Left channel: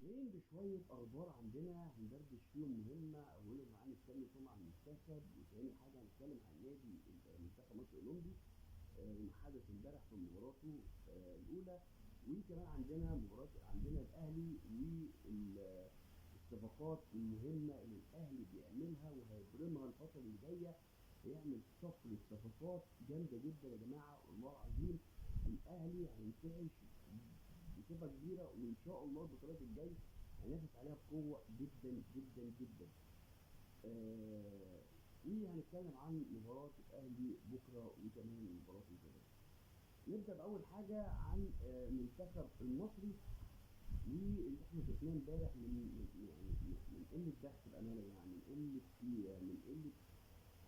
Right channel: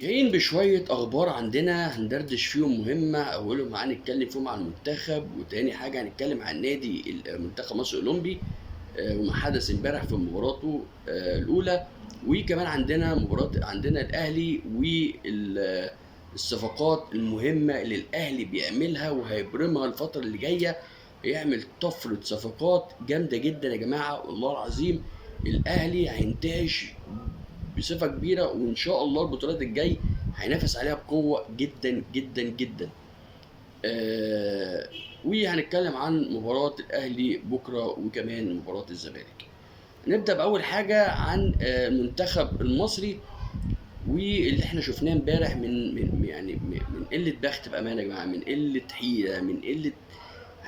جايين بشوية أخبار عندنا هندردش فيهم مهمة. أولهم هنتكلم فيهم عن المنتخب، وتاني حاجة هنتكلم عن نادي منتخب مصر الأولمبي وما حدث امبارح في مباراته الأولى. وكمان عندنا عندنا الأهلي والصفقات المهمة اللي الأهلي بيعملها وهيبرمها الفترة اللي جاية. هيعمل طفرة صفقات جامدة جدا يا جماعة، والله العظيم الأهلي هينتعش بصفة كبيرة، وإن شاء الله البطولات الجاي هينافس عليها بقوة جدا جدا جدا. آه وهنتكلم عن مباراة الأهلي بكرة وكمان مباراة الزمالك. نبدأ بأول حاجة عن المنتخب المصري واللي احنا شفناه امبارح من قلة بخت بأمانة يا جماعة، من قلة حيلة، من قلة.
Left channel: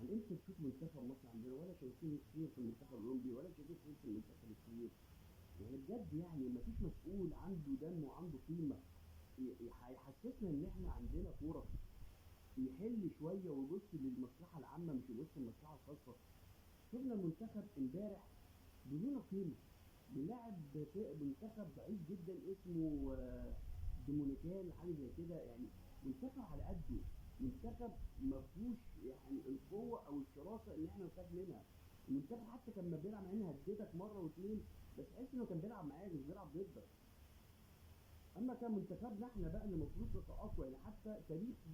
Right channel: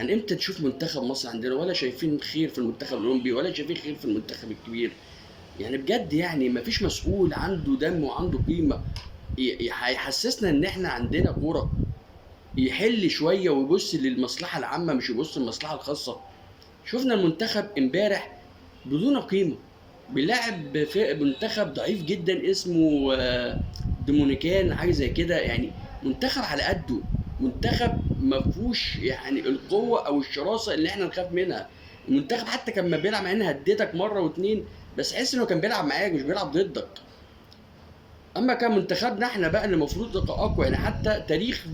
امتى نشوف منتخب مصر عندنا ولا شايفين خير في المنتخب الأولمبي ولا شايفين خير في المنتخب الكبير؟ يعني بجد يعني مفيش مسؤول عنده دم وعنده قيمة هيحسسنا ان احنا عندنا كورة، يحل شوية ويبص للمصلحة العامة مش يبص للمصلحة الخاصة. شفنا المنتخب امبارح بدون قيمة، بيلعب في منتخب ضعيف جدا اسمه دومونيكان حاجة زي كده، يعني منتخب على قده، منتخب ما فيهوش يعني القوة او الشراسة اللي احنا نخاف منها. المنتخب حتى كان ما بيلعب مع ان هديتك مرة واتنين، بس حس انه كان بيلعب معاك مش بيلعب ضدك. اما كان منتخبنا احنا بقى اللي المفروض يبقى اقوى، يعني حتى تاريخ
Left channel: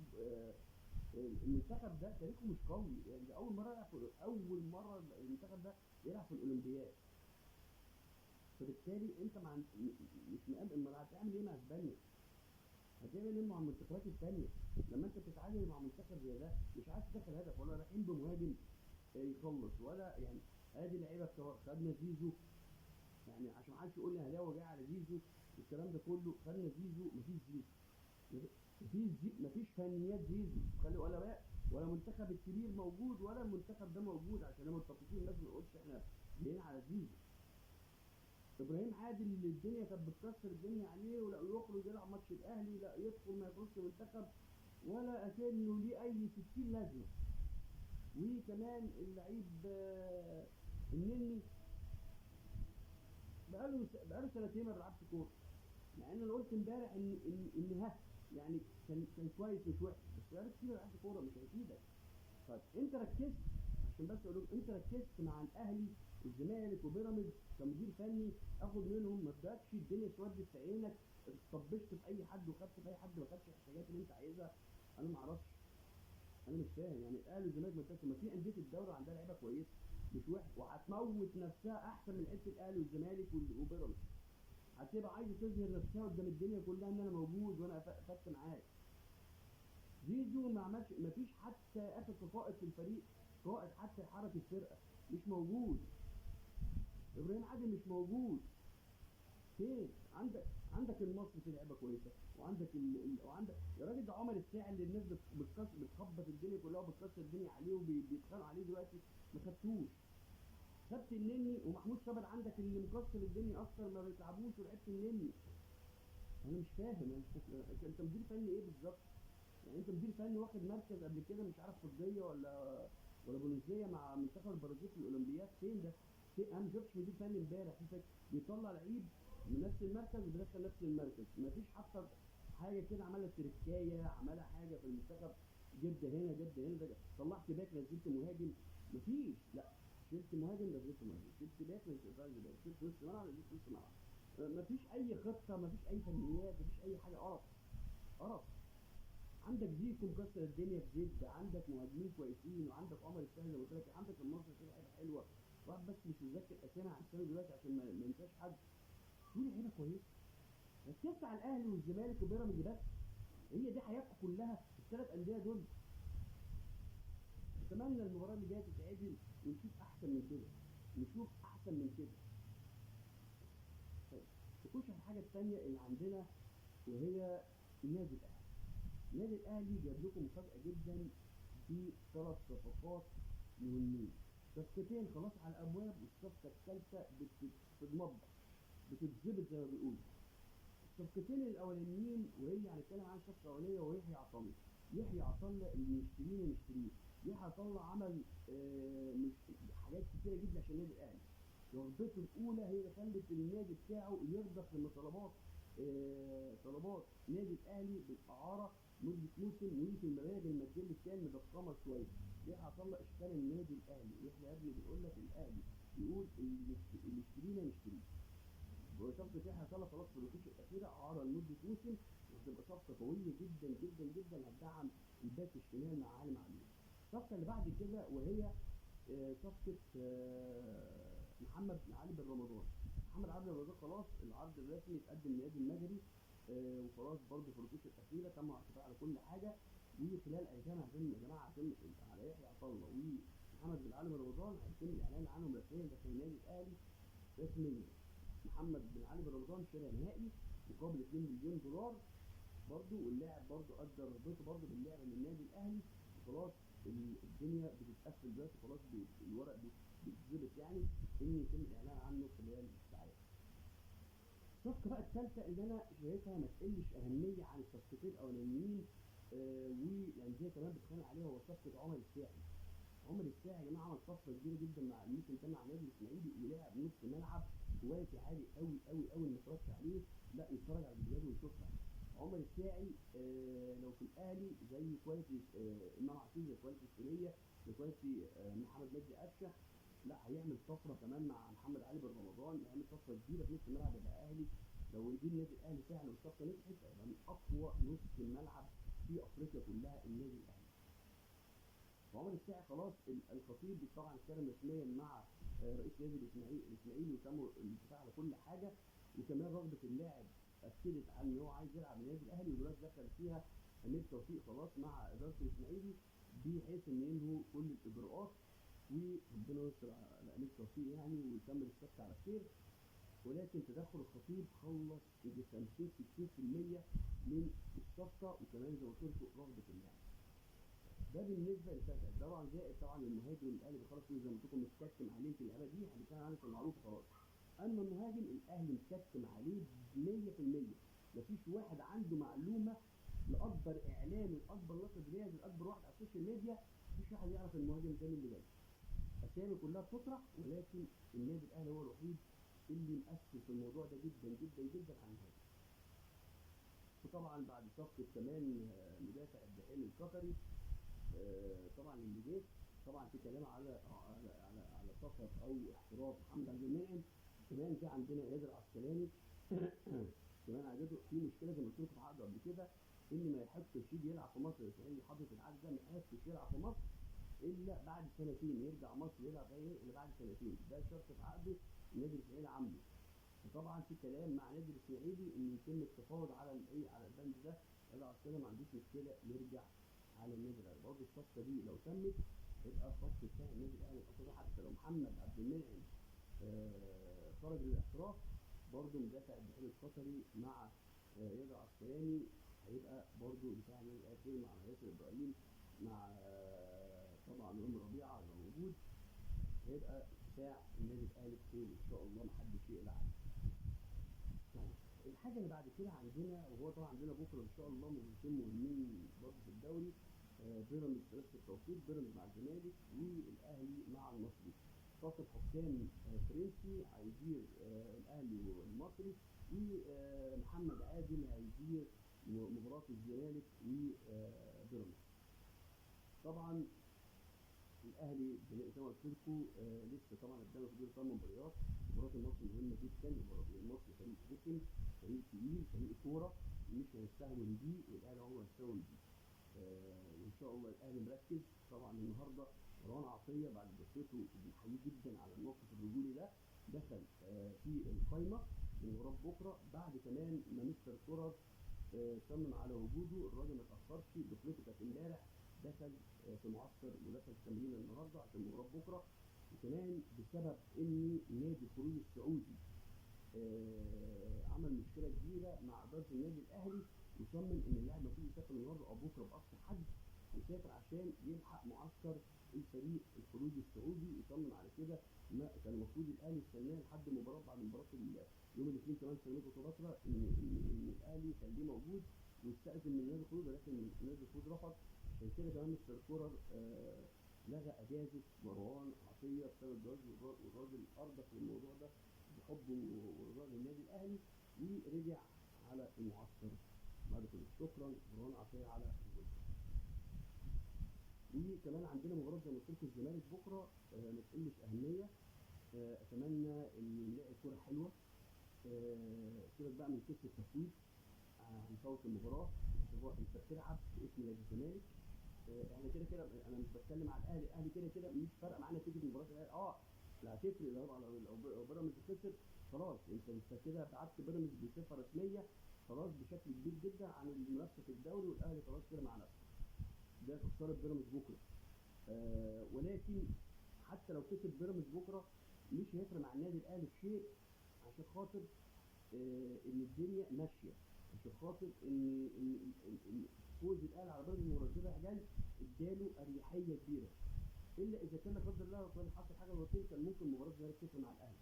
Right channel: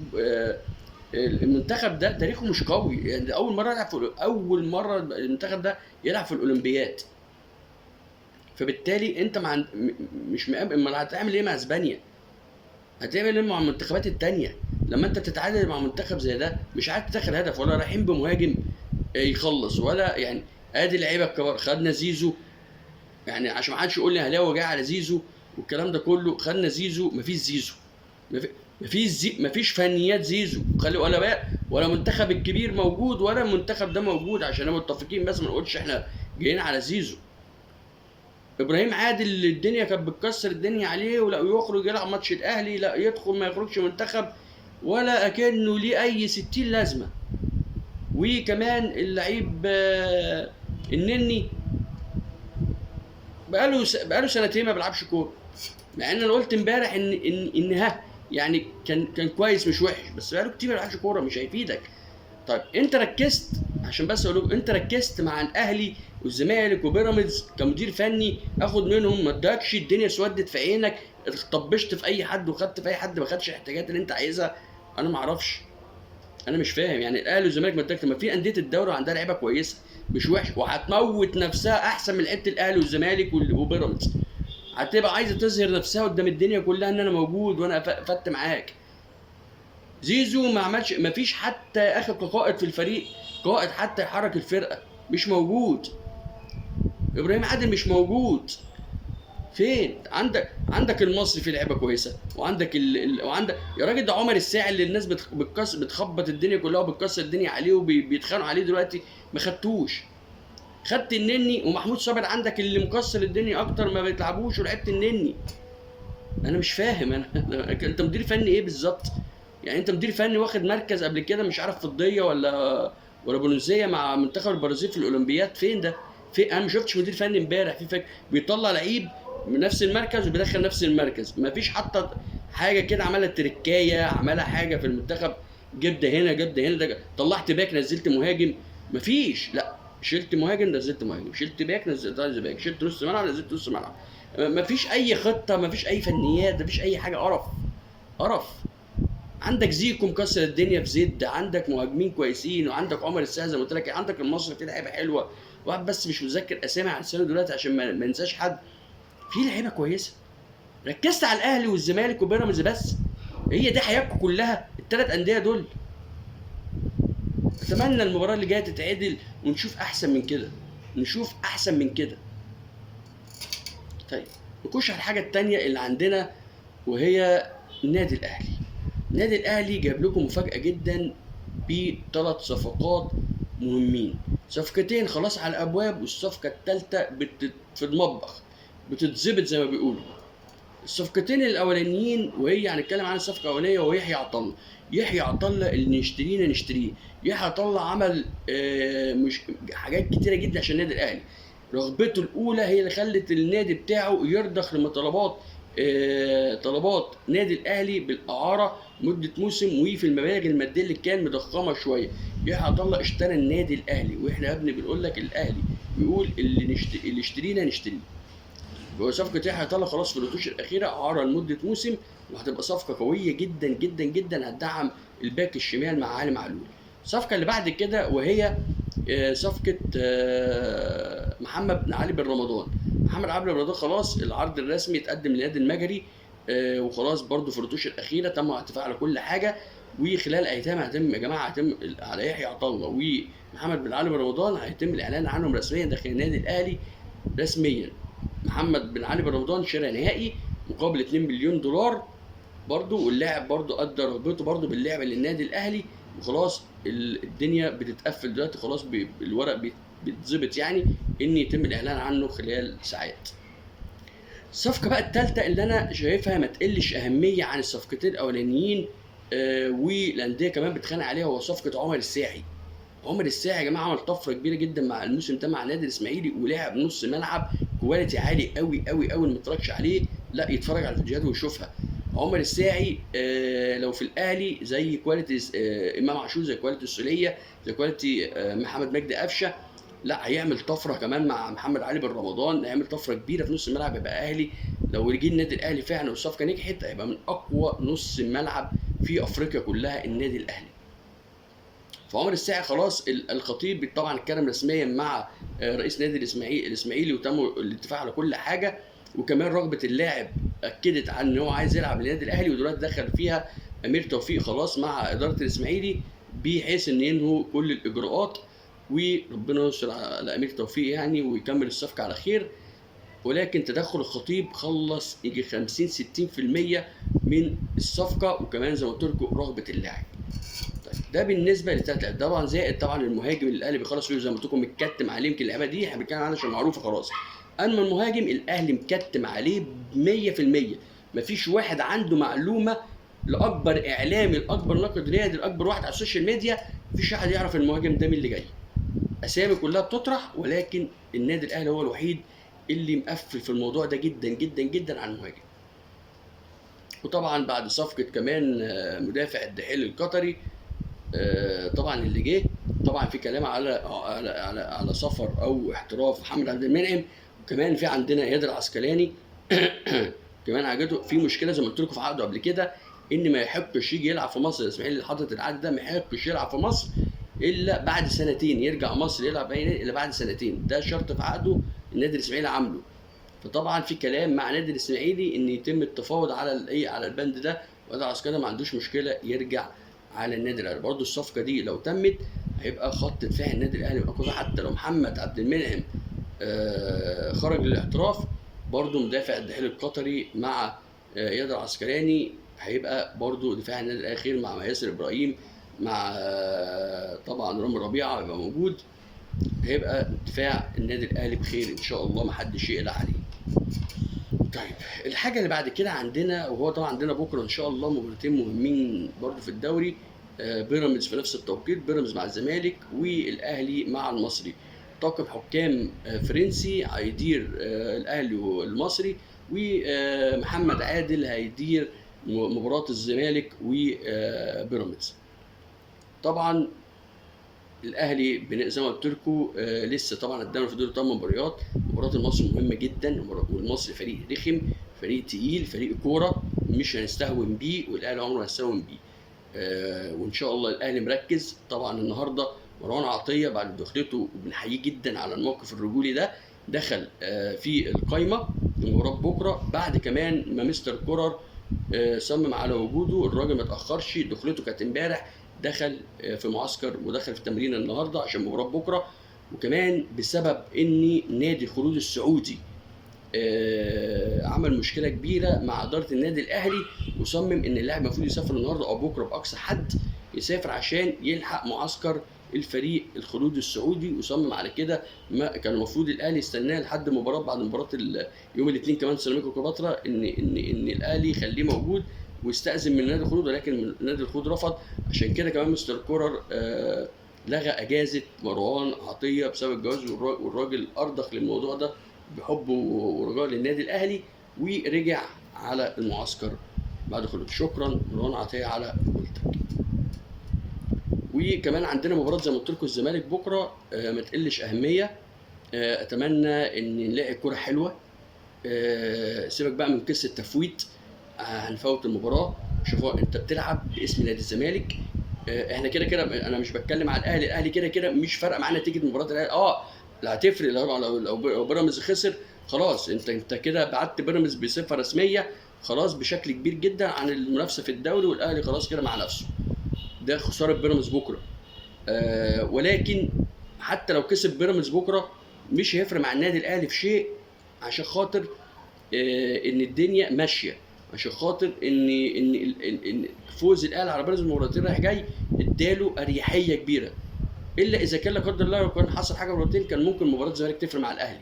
المنتخب ده تاريخه مش قوي، يعني اول مره المنتخب ده يلعب في الاولمبياد. فبالتالي انت مش مقابل، امال هتعمل ايه مع اسبانيا؟ هتعمل ايه مع المنتخبات التانية لما انت تتعادل مع منتخب زي ده مش عارف تدخل هدف، ولا رايحين بمهاجم يخلص ولا يعني. ادي لعيبه الكبار، خدنا زيزو، يعني عشان ما حدش يقول لي هلاوي جاي على زيزو والكلام ده كله. خدنا زيزو، مفيش زيزو، مفيش فنيات زيزو، خلي ولا بقى ولا منتخب الكبير موجود ولا المنتخب ده موجود، عشان نبقى متفقين بس ما نقولش احنا جايين على زيزو. ابراهيم عادل الدنيا كانت بتكسر الدنيا عليه، ولا يخرج يلعب ماتش الاهلي، لا يدخل ما يخرجش منتخب ولا اكنه ليه اي 60 لازمه. وكمان اللعيب النني بقاله سنتين ما بيلعبش كوره، مع ان انا قلت امبارح ان ها يعني كان كويس مش وحش، بس بقاله كتير ما بيلعبش كوره مش هيفيدك. طيب انت ركزت، عشان بس اقول لكم انت ركزت مع الاهلي والزمالك وبيراميدز كمدير فني اخد منهم، ما ادكش الدنيا اسودت في عينك، طبشت في اي حد وخدت في اي حد ما خدش الاحتياجات اللي انت عايزها. انا ما اعرفش، انا مش فاهم يعني الاهلي والزمالك مدك ما في انديه الدوري عندها لعيبه كويسه مش وحش، وهتموت نفسها احسن من لعيبه الاهلي والزمالك وبيراميدز. هتبقى عايزه تظهر نفسها قدام الدنيا كلها ان انا موجود وانا فت معاك. زيزو ما عملش، ما فيش حتى اخر كقائد في الفريق، قائد حتى يحرك الفرقه مش موجود. ابراهيم عادل مش موجود. فين عندك المصري فيه لعيبه كويسه، وعندك وعندك يا راجل ده عمر الساعي اللي الناس بتخبط الدنيا كلها وبتكسر الدنيا عليه وبيتخانقوا عليه دلوقتي، ما خدتوش. خدت النني ومحمود صابر عندك اللي مكسر الدنيا اكتر ما بتلعبوش، ولعبت النني. انا مش فاهم انت مدير فني ايه بالظبط؟ يعني انت مدير فني واخد مركز قبل كده مش عارف فضيه ولا برونزيه مع منتخب البرازيل في الاولمبياد، فين ده؟ انا ما شفتش مدير فني امبارح في فكر بيطلع لعيب من نفس المركز وبيدخل نفس المركز، ما فيش حتى حاجه كده عملها تركايه، عملها حاجه في المنتخب. جبت هنا جبت هنا ده، طلعت باك نزلت مهاجم، مفيش. لا، شلت مهاجم نزلت مهاجم، شلت باك نزلت باك، شلت نص ملعب نزلت نص ملعب. مفيش اي خطه، مفيش اي فنيات، مفيش اي حاجه، قرف قرف. عندك زيكو مكسر الدنيا في زد، عندك مهاجمين كويسين، وعندك عمر الساعه زي ما قلت لك، عندك المصري فيه لعيبه حلوه. واحد بس مش متذكر اسامي على لسانه دلوقتي عشان ما ننساش حد. في لعيبه كويسه. ركزت على الاهلي والزمالك وبيراميدز بس، هي دي حياتكم كلها الثلاث انديه دول. اتمنى المباراه اللي جايه تتعدل ونشوف احسن من كده، نشوف احسن من كده. طيب نخش على الحاجه الثانيه اللي عندنا، وهي النادي الاهلي. النادي الاهلي جاب لكم مفاجاه جدا بثلاث صفقات مهمين. صفقتين خلاص على الابواب، والصفقه الثالثه في المطبخ بتتظبط زي ما بيقولوا. الصفقتين الاولانيين وهي هنتكلم عن الصفقه الاولانيه وهي يحيى عطله. يحيى عطله اللي نشتريه. يحيى عطله عمل مش حاجات كتيره جدا عشان النادي الاهلي. رغبته الاولى هي اللي خلت النادي بتاعه يرضخ لمطالبات طلبات نادي الاهلي بالاعاره مده موسم، وفي المبالغ الماديه اللي كان مضخمه شويه. يحيى عطا الله اشترى النادي الاهلي، واحنا يا ابني بنقول لك الاهلي بيقول اللي يشترينا نشتريه. هو صفقة يحيى عطا الله خلاص في الوتوش الأخيرة، إعارة لمدة موسم، وهتبقى صفقة قوية جدا جدا جدا، هتدعم الباك الشمال مع علي معلول. الصفقة اللي بعد كده وهي صفقة محمد بن علي بن رمضان. محمد علي بن رمضان خلاص العرض الرسمي اتقدم للنادي المجري، وخلاص برضو في الرتوش الأخيرة تم الاتفاق على كل حاجة. وخلال أيام هتم يا جماعة، هتم على يحيى عطا الله ومحمد بن علي بن رمضان هيتم الإعلان عنهم رسميا داخل النادي الأهلي رسميا. محمد بن علي بن رمضان شراء نهائي مقابل 2 مليون دولار برضو، واللاعب برضو ادى رغبته برضو باللعب للنادي الاهلي. وخلاص الدنيا بتتقفل دلوقتي، خلاص الورق بيتظبط يعني ان يتم الاعلان عنه خلال ساعات. الصفقه بقى الثالثه اللي انا شايفها ما تقلش اهميه عن الصفقتين الاولانيين، والانديه كمان بتخانق عليها، هو صفقه عمر الساعي. عمر الساعي يا جماعه عمل طفره كبيره جدا مع الموسم ده مع النادي الاسماعيلي، ولعب نص ملعب كواليتي عالي قوي قوي قوي. اللي ما اتفرجش عليه لا يتفرج على الفيديوهات ويشوفها. عمر الساعي لو في الاهلي زي كواليتي امام عاشور، زي كواليتي السوليه، زي كواليتي محمد مجدي قفشه، لا هيعمل طفره كمان مع محمد علي بن رمضان، هيعمل طفره كبيره في نص الملعب، يبقى اهلي. لو رجع النادي الاهلي فعلا والصفقه نجحت هيبقى من اقوى نص ملعب في افريقيا كلها النادي الاهلي. فعمر الساعي خلاص الخطيب طبعا اتكلم رسميا مع رئيس نادي الاسماعيلي وتم الاتفاق على كل حاجه. وكمان رغبه اللاعب اكدت عن ان هو عايز يلعب للنادي الاهلي، ودلوقتي دخل فيها امير توفيق خلاص مع اداره الاسماعيلي بحيث ان ينهوا كل الاجراءات. وربنا يستر على امير توفيق يعني ويكمل الصفقه على خير. ولكن تدخل الخطيب خلص يجي 50 60% من الصفقه، وكمان زي ما قلت لكم رغبه اللاعب. ده بالنسبه للثلاث لاعب، طبعا زائد طبعا المهاجم اللي الاهلي بيخلص فيه زي ما قلت لكم متكتم عليه. يمكن اللعيبه دي احنا بنتكلم عنها عشان معروفه خلاص. اما المهاجم الاهلي مكتم عليه 100%. مفيش واحد عنده معلومه، لاكبر اعلامي، لاكبر ناقد رياضي، لاكبر واحد على السوشيال ميديا، مفيش واحد يعرف المهاجم ده مين اللي جاي. اسامي كلها بتطرح، ولكن النادي الاهلي هو الوحيد اللي مقفل في الموضوع ده جدا جدا جدا عن المهاجم. وطبعا بعد صفقه كمان مدافع الدحيل القطري طبعا اللي جه، طبعا في كلام على سفر او احتراف محمد عبد المنعم. وكمان في عندنا اياد العسقلاني كمان حاجته في مشكله زي ما قلت لكم في عقده قبل كده، ان ما يحقش يجي يلعب في مصر. الاسماعيلي اللي حاطط العقد ده ما يحقش يلعب في مصر الا بعد سنتين، يرجع مصر يلعب الا بعد سنتين، ده شرط في عقده النادي الاسماعيلي عامله. فطبعا في كلام مع نادي الاسماعيلي ان يتم التفاوض على الايه، على البند ده، وده عسكري ما عندوش مشكله يرجع على النادي الاهلي. برضه الصفقه دي لو تمت هيبقى خط دفاع النادي الاهلي اقوى. حتى لو محمد عبد المنعم خرج للاحتراف، برضه مدافع الدحيل القطري مع اياد العسقلاني هيبقى برضه دفاع النادي الاهلي خير، مع ياسر ابراهيم، مع طبعا رامي ربيعه هيبقى موجود. هيبقى دفاع النادي الاهلي بخير ان شاء الله، محدش يقلق عليه. طيب الحاجه اللي بعد كده عندنا، وهو طبعا عندنا بكره ان شاء الله مباراتين مهمين برضو في الدوري. بيراميدز في نفس التوقيت، بيراميدز مع الزمالك، والاهلي مع المصري. طاقم حكام فرنسي هيدير الاهلي والمصري، ومحمد عادل هيدير مباراه الزمالك وبيراميدز. طبعا الاهلي زي ما قلت لكم لسه طبعا قدامنا في دور 8 مباريات. مباراه المصري مهمه جدا، والمصري فريق رخم، فريق تقيل، فريق كوره مش هنستهون بيه، والاهلي عمره ما هيستهون بيه. وان شاء الله الاهلي مركز. طبعا النهارده مروان عطيه بعد دخلته وبنحييه جدا على الموقف الرجولي ده، دخل في القايمه لمباراه بكره، بعد كمان ما مستر كولر صمم على وجوده. الراجل ما اتاخرش، دخلته كانت امبارح، دخل في معسكر ودخل في تمرين النهارده عشان مباراه بكره. وكمان بسبب ان نادي الخلود السعودي عمل مشكله كبيره مع اداره النادي الاهلي، وصمم ان اللاعب المفروض يسافر النهارده او بكره باقصى حد، يسافر عشان يلحق معسكر الفريق الخلود السعودي. وصمم على كده. ما كان المفروض الاهلي يستناه لحد مباراه، بعد مباراه يوم الاثنين كمان سيراميكا كليوباترا، ان الاهلي يخليه موجود ويستأذن من نادي الخلود، ولكن نادي الخلود رفض. عشان كده كمان مستر كولر لغى اجازه مروان عطيه بسبب الجواز، والراجل ارضخ للموضوع ده بحبه ورجاء للنادي الاهلي، ورجع على المعسكر بعد خروج. شكرا مروان عطيه على رجولتك. وكمان عندنا مباراه زي ما قلت لكم الزمالك بكره، ما تقلش اهميه. اتمنى ان نلاقي كوره حلوه. سيبك بقى من قصه تفويت. هنفوت المباراه. شوفوا انت بتلعب باسم نادي الزمالك. احنا كده كده انا مش بتكلم على الاهلي كده كده مش فارقه معانا نتيجه مباراه الاهلي. لا هتفرق لو بيراميدز خسر خلاص، انت كده بعدت بيراميدز بصفه رسميه خلاص بشكل كبير جدا عن المنافسه في الدوري، والاهلي خلاص كده مع نفسه. ده خساره بيراميدز بكره. ولكن حتى لو كسب بيراميدز بكره مش هيفرق مع النادي الاهلي في شيء، عشان خاطر ان الدنيا ماشيه، عشان خاطر ان فوز الاهلي على بيراميدز مرتين رايح جاي اداله اريحيه كبيره. الا اذا كان لا قدر الله لو كان حصل حاجه مرتين كان ممكن مباراه الزمالك تفرق مع الاهلي،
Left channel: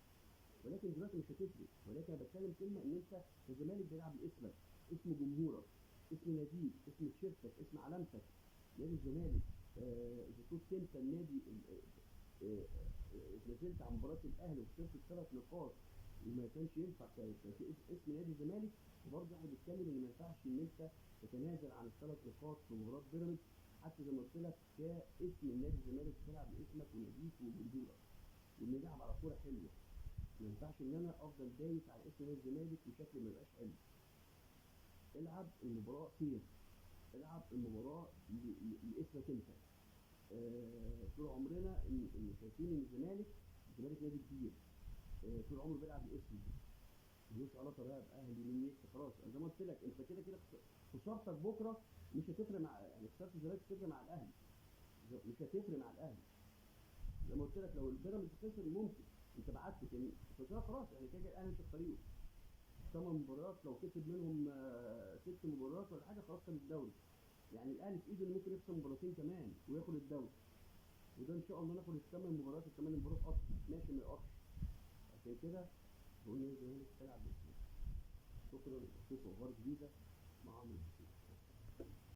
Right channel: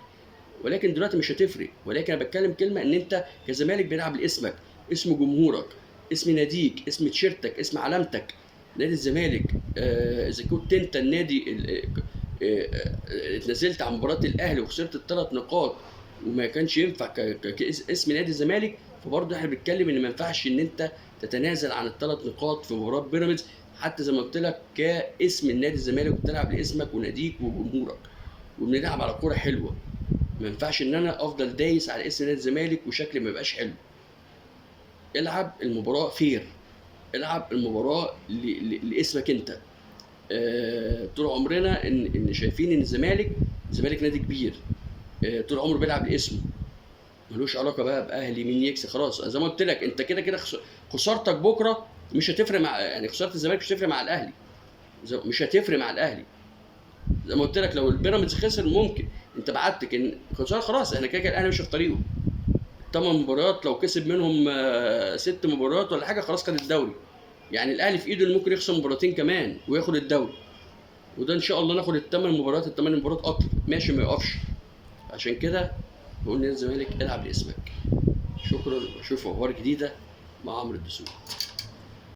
ولكن دلوقتي مش هتفرق. ولكن انا بتكلم كلمه ان انت كزمالك بيلعب لاسمك، اسم جمهورك، اسم ناديك، اسم تيشيرتك، اسم علامتك نادي الزمالك. اذا كنت انت النادي اتنزلت عن مباراه الاهلي وخسرت الثلاث نقاط وما كانش ينفع كاسم نادي الزمالك، فبرضه احنا بنتكلم ان ما ينفعش ان انت تتنازل عن الثلاث نقاط في مباراه بيراميدز، حتى زي ما قلت لك كاسم النادي الزمالك بتلعب لاسمك وناديك وجمهورك، وبنلعب على كوره حلوه. ما ينفعش ان انا افضل دايس على اسم نادي الزمالك وشكلي ما يبقاش حلو. العب المباراه فير، العب المباراه لاسمك انت. طول عمرنا ان شايفين ان الزمالك نادي كبير. طول عمره بيلعب لاسمه، ملوش علاقه بقى باهلي مين يكسب. خلاص زي ما قلت لك انت كده كده خسارتك بكره مش هتفرق مع، يعني خساره الزمالك مش هتفرق مع الاهلي، مش هتفرق مع الاهلي. زي ما قلت لك لو البيراميدز خسر ممكن انت بعدت كان خساره خلاص، احنا كده كده الاهلي مش في طريقه. 8 مباريات لو كسب منهم 6 مباريات ولا حاجه خلاص خد الدوري. يعني الاهلي في ايده اللي ممكن يخسر مباراتين كمان وياخد الدوري، وده ان شاء الله ناخد الثمان مباريات اكتر ماشي ما يقفش. عشان كده بقول للزمالك العب لاسمك. شكرا واشوف اخبار جديده مع عمرو الدسوقي.